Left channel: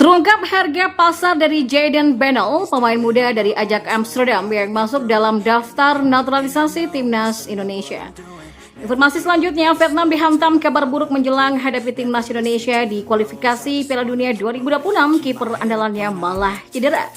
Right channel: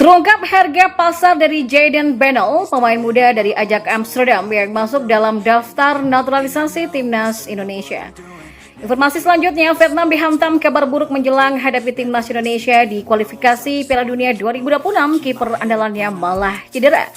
Terungkap harga pasar dari Jayden Benel, pemain muda dari Ajax Amsterdam yang masuk dalam daftar naturalisasi timnas Indonesia. Informasi selanjutnya, Vietnam dihantam kabar buruk menjelang hadapi timnas Indonesia di kualifikasi Piala Dunia 2026, kiper andalannya malah cedera.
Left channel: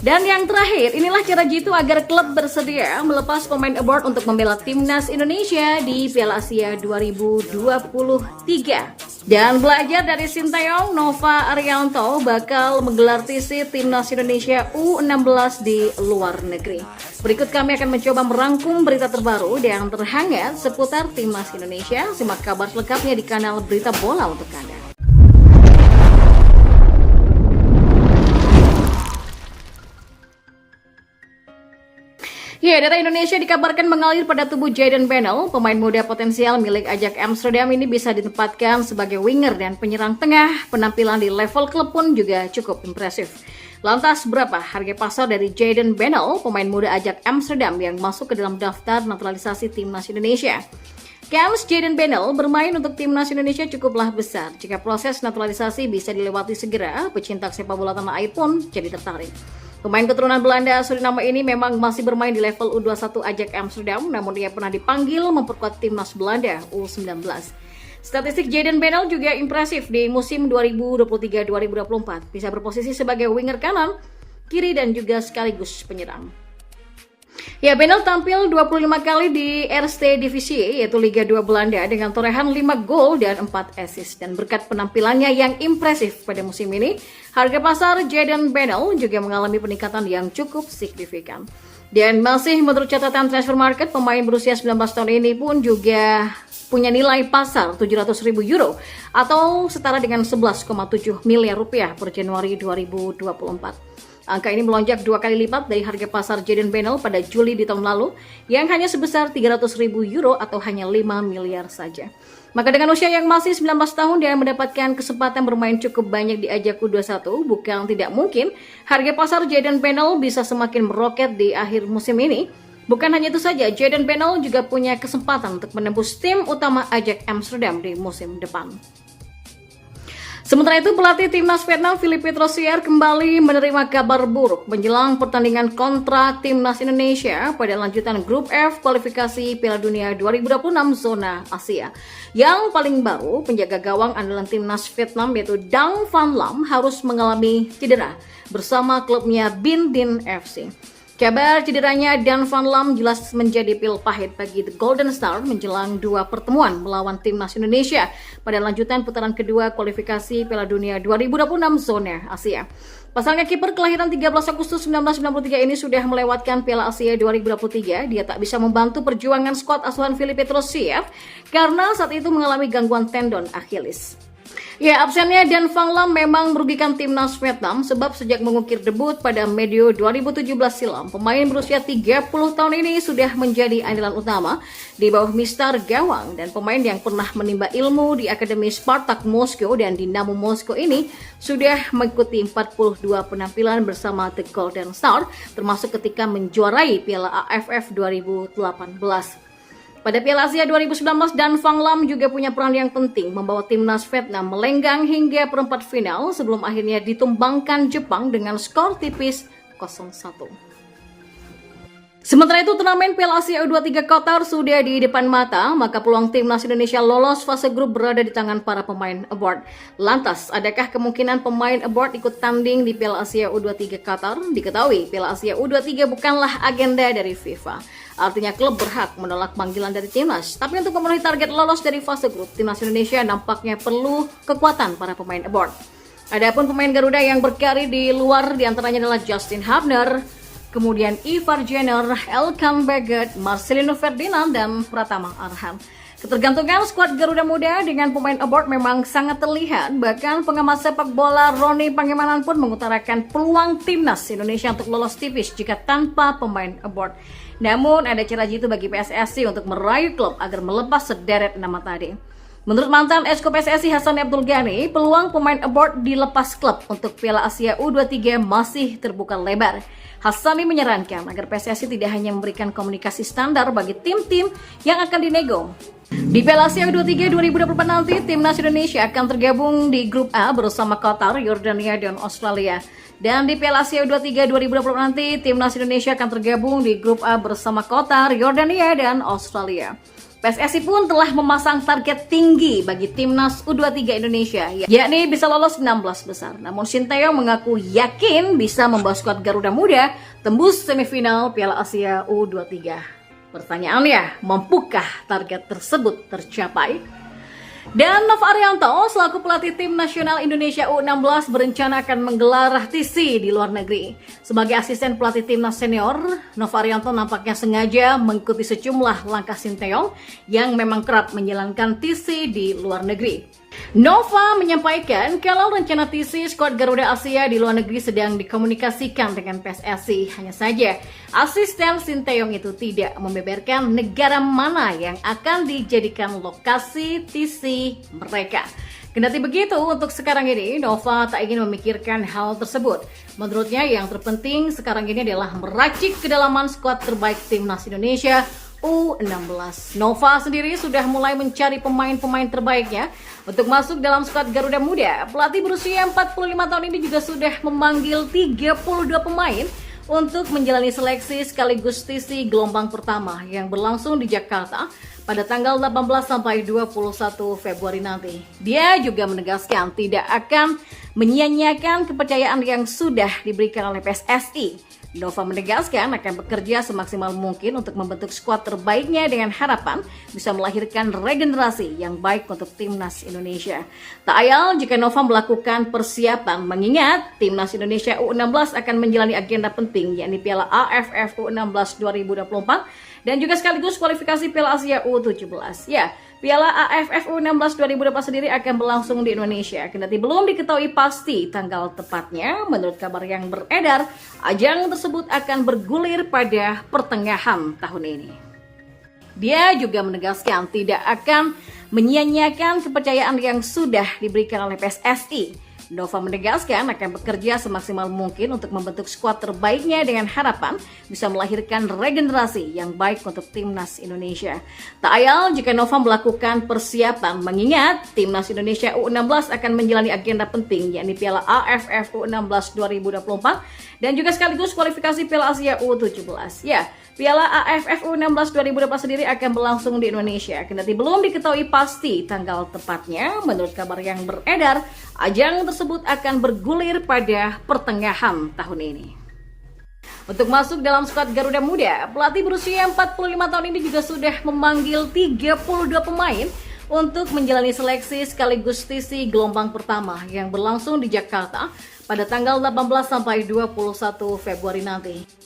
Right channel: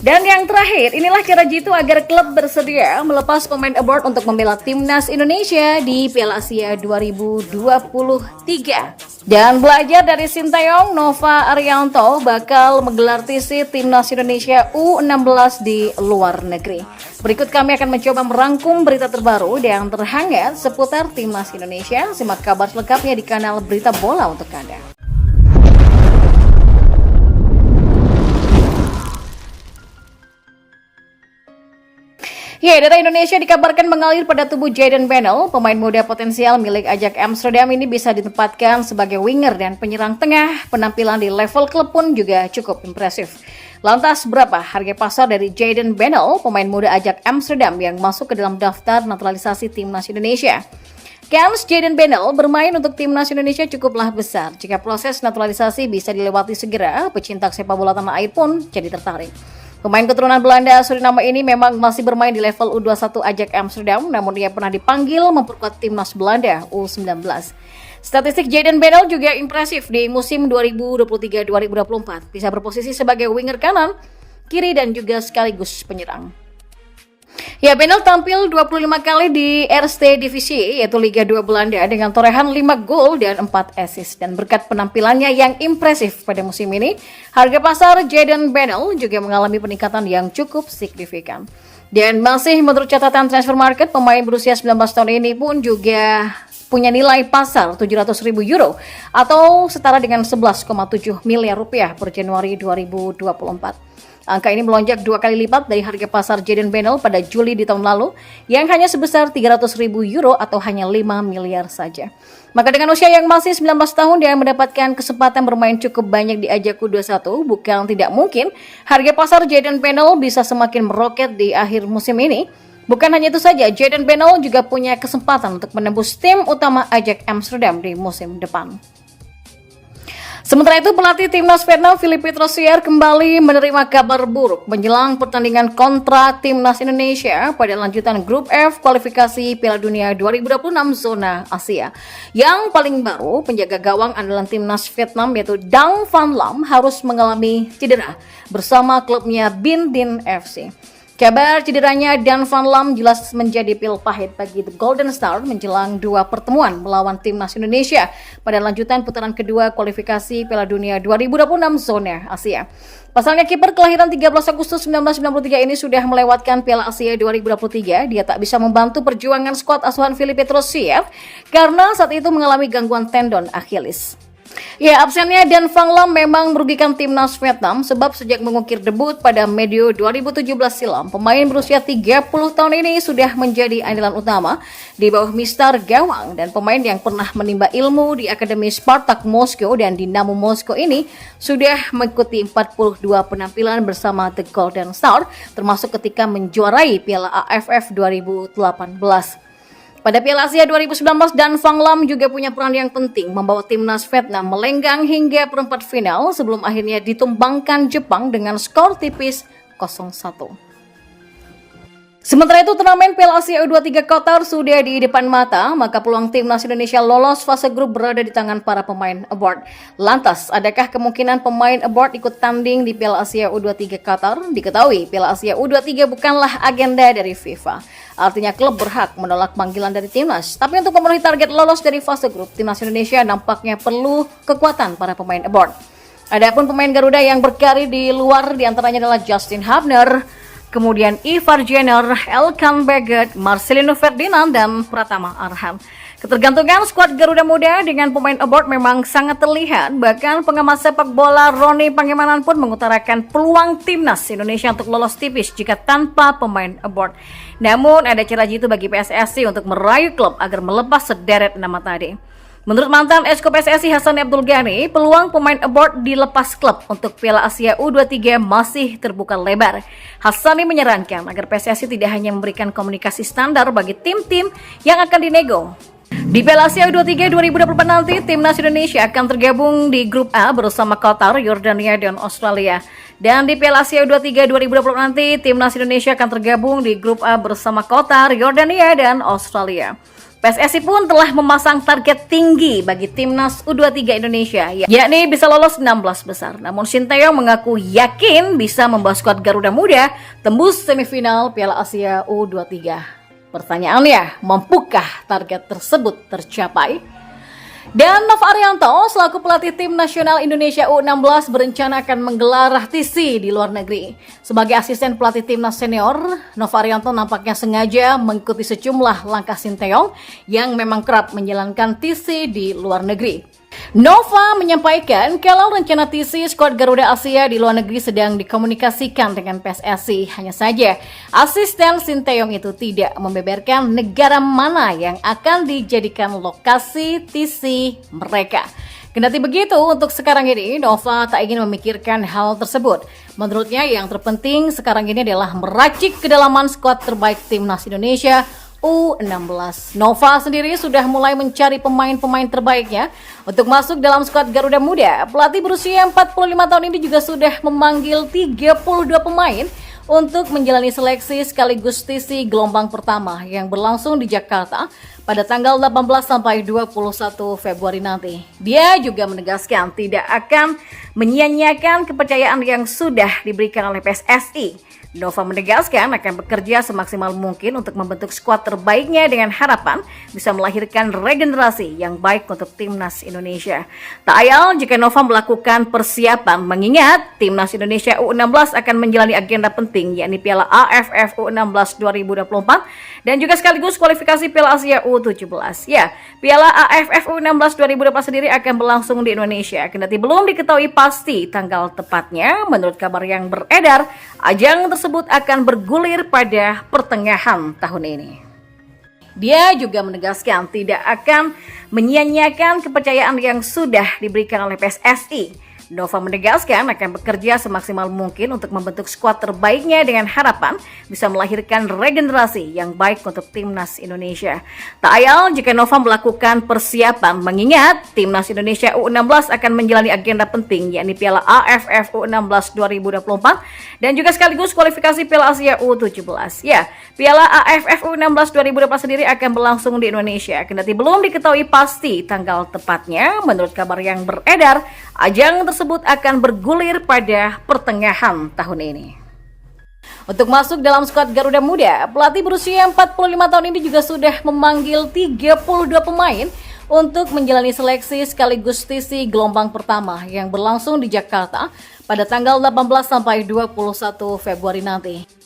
Dan yang terakhir, inilah cara jitu agar klub bersedia melepas pemain abroad untuk membela timnas Indonesia di Piala Asia 2023. Dan belajar dari Sintayong, Nova Arianto bakal menggelar TC timnas Indonesia U16 di luar negeri. Berikut kami akan mencoba merangkum berita terbaru dan terhangat seputar timnas Indonesia. Simak kabar selengkapnya di kanal Berita Bola untuk Anda. Ya, data Indonesia dikabarkan mengalir pada tubuh Jayden Benel, pemain muda potensial milik Ajax Amsterdam ini bisa ditempatkan sebagai winger dan penyerang tengah. Penampilan di level klub pun juga cukup impresif. Lantas berapa harga pasar dari Jayden Benel, pemain muda Ajax Amsterdam yang masuk ke dalam daftar naturalisasi timnas Indonesia? Kans Jayden Benel bermain untuk timnas Indonesia cukuplah besar. Jika proses naturalisasi bisa dilewati segera, pecinta sepak bola tanah air pun jadi tertarik. Pemain keturunan Belanda Suriname ini memang masih bermain di level U21 Ajax Amsterdam, namun ia pernah dipanggil memperkuat timnas Belanda U19. Statistik Jayden Benel juga impresif di musim 2023-2024, bisa berposisi sebagai winger kanan, kiri dan juga sekaligus penyerang. Ya, Benel tampil 25 kali di Eerste Divisie, yaitu Liga 2 Belanda dengan torehan 5 gol dan 4 assist. Dan berkat penampilannya yang impresif pada musim ini, harga pasar Jayden Benel juga mengalami peningkatan yang cukup signifikan. Dan masih menurut catatan transfer market, pemain berusia 19 tahun ini pun juga punya nilai pasar 700.000 euro atau setara dengan 11,7 miliar rupiah per Januari 2024. Angka ini melonjak 2 kali lipat dari harga pasar Jayden Benel pada Juli di tahun lalu yang hanya sebesar 300.000 euro atau hanya 5 miliar saja. Maka dengan usia yang masih 19 tahun dia mendapatkan kesempatan bermain cukup banyak di Ajax U21, bukan tidak mungkin harga pasar Jayden Benel bisa semakin meroket di akhir musim ini. Bukan hanya itu saja, Jayden Benel juga punya kesempatan untuk menembus tim utama Ajax Amsterdam di musim depan. Sementara itu, pelatih timnas Vietnam Philippe Troussier kembali menerima kabar buruk menjelang pertandingan kontra timnas Indonesia pada lanjutan grup F kualifikasi Piala Dunia 2026 zona Asia. Yang paling baru, penjaga gawang andalan timnas Vietnam yaitu Dang Van Lam harus mengalami cedera bersama klubnya Binh Dinh FC. Kabar cederanya Dan Van Lam jelas menjadi pil pahit bagi The Golden Star menjelang 2 pertemuan melawan timnas Indonesia pada lanjutan putaran kedua kualifikasi Piala Dunia 2026 zona Asia. Pasalnya kiper kelahiran 13 Agustus 1993 ini sudah melewatkan Piala Asia 2023. Dia tak bisa membantu perjuangan skuad asuhan Philippe Troussier karena saat itu mengalami gangguan tendon Achilles. Ya, absennya Dan Van Lam memang merugikan timnas Vietnam sebab sejak mengukir debut pada medio 2017 silam, pemain berusia 30 tahun ini sudah menjadi andalan utama di bawah Mister Gawang dan pemain yang pernah menimba ilmu di Akademi Spartak Moskow dan Dinamo Moskow ini sudah mengikuti 42 penampilan bersama The Golden Star termasuk ketika menjuarai Piala AFF 2018. Pada Piala Asia 2019, Dan Van Lam juga punya peran yang penting membawa timnas Vietnam melenggang hingga perempat final sebelum akhirnya ditumbangkan Jepang dengan skor tipis 0-1. Sementara itu, turnamen Piala Asia U23 Qatar sudah di depan mata, maka peluang timnas Indonesia lolos fase grup berada di tangan para pemain abroad. Lantas, adakah kemungkinan pemain abroad ikut tanding di Piala Asia U23 Qatar? Diketahui, Piala Asia U23 bukanlah agenda dari FIFA. Artinya klub berhak menolak panggilan dari timnas. Tapi untuk memenuhi target lolos dari fase grup, timnas Indonesia nampaknya perlu kekuatan para pemain abroad. Adapun pemain Garuda yang berkarir di luar diantaranya adalah Justin Hubner, kemudian Ivar Jenner, Elkan Baggett, Marcelino Ferdinand, dan Pratama Arhan. Ketergantungan skuad Garuda Muda dengan pemain abroad memang sangat terlihat. Bahkan pengamat sepak bola Roni Pangemanan pun mengutarakan peluang timnas Indonesia untuk lolos tipis jika tanpa pemain abroad. Namun ada cara jitu bagi PSSI untuk merayu klub agar melepas sederet nama tadi. Menurut mantan Esko PSSI Hasan Abdul Ghani, peluang pemain abroad dilepas klub untuk Piala Asia U23 masih terbuka lebar. Hassani menyarankan agar PSSI tidak hanya memberikan komunikasi standar bagi tim-tim yang akan dinego, Di Piala Asia U23 2024 nanti, Timnas Indonesia akan tergabung di grup A bersama Qatar, Yordania, dan Australia. Dan di Piala Asia U23 2024 nanti, Timnas Indonesia akan tergabung di grup A bersama Qatar, Yordania, dan Australia. PSSI pun telah memasang target tinggi bagi Timnas U23 Indonesia, yakni bisa lolos 16 besar. Namun Sinteyong mengaku yakin bisa membawa skuad Garuda Muda tembus semifinal Piala Asia U23. Pertanyaannya, mampukah target tersebut tercapai? Dan Nova Arianto selaku pelatih tim nasional Indonesia U16 berencana akan menggelar TC di luar negeri. Sebagai asisten pelatih timnas senior, Nova Arianto nampaknya sengaja mengikuti sejumlah langkah Sinteyong yang memang kerap menjalankan TC di luar negeri. Nova menyampaikan kalau rencana TC skuad Garuda Asia di luar negeri sedang dikomunikasikan dengan PSSI. Hanya saja, asisten Sinteyong itu tidak membeberkan negara mana yang akan dijadikan lokasi TC mereka. Kendati begitu, untuk sekarang ini Nova tak ingin memikirkan hal tersebut. Menurutnya yang terpenting sekarang ini adalah meracik kedalaman skuad terbaik timnas Indonesia U16. Nova sendiri sudah mulai mencari pemain-pemain terbaiknya untuk masuk dalam skuad Garuda Muda. Pelatih berusia 45 tahun ini juga sudah memanggil 32 pemain untuk menjalani seleksi sekaligus TC gelombang pertama yang berlangsung di Jakarta pada tanggal 18 sampai 21 Februari nanti. Dia juga menegaskan tidak akan menyia-nyiakan kepercayaan yang sudah diberikan oleh PSSI. Nova menegaskan akan bekerja semaksimal mungkin untuk membentuk skuad terbaiknya dengan harapan bisa melahirkan regenerasi yang baik untuk timnas Indonesia. Tak ayal jika Nova melakukan persiapan mengingat timnas Indonesia U16 akan menjalani agenda penting yakni Piala AFF U16 2024 dan juga sekaligus kualifikasi Piala Asia U17. Ya, Piala AFF U16 2024 sendiri akan berlangsung di Indonesia. Kendati belum diketahui pasti tanggal tepatnya, menurut kabar yang beredar, ajang tersebut akan bergulir pada pertengahan tahun ini. Dia juga menegaskan tidak akan menyia-nyiakan kepercayaan yang sudah diberikan oleh PSSI. Nova menegaskan akan bekerja semaksimal mungkin untuk membentuk skuad terbaiknya dengan harapan bisa melahirkan regenerasi yang baik untuk timnas Indonesia. Tak ayal jika Nova melakukan persiapan mengingat timnas Indonesia U16 akan menjalani agenda penting yakni Piala AFF U16 2024 dan juga sekaligus kualifikasi Piala Asia U17. Ya, Piala AFF U16 2024 sendiri akan berlangsung di Indonesia. Kendati belum diketahui pasti tanggal tepatnya, menurut kabar yang beredar, ajang tersebut akan bergulir pada pertengahan tahun ini. Untuk masuk dalam skuad Garuda Muda, pelatih berusia 45 tahun ini juga sudah memanggil 32 pemain untuk menjalani seleksi sekaligus TC gelombang pertama yang berlangsung di Jakarta pada tanggal 18 sampai 21 Februari nanti.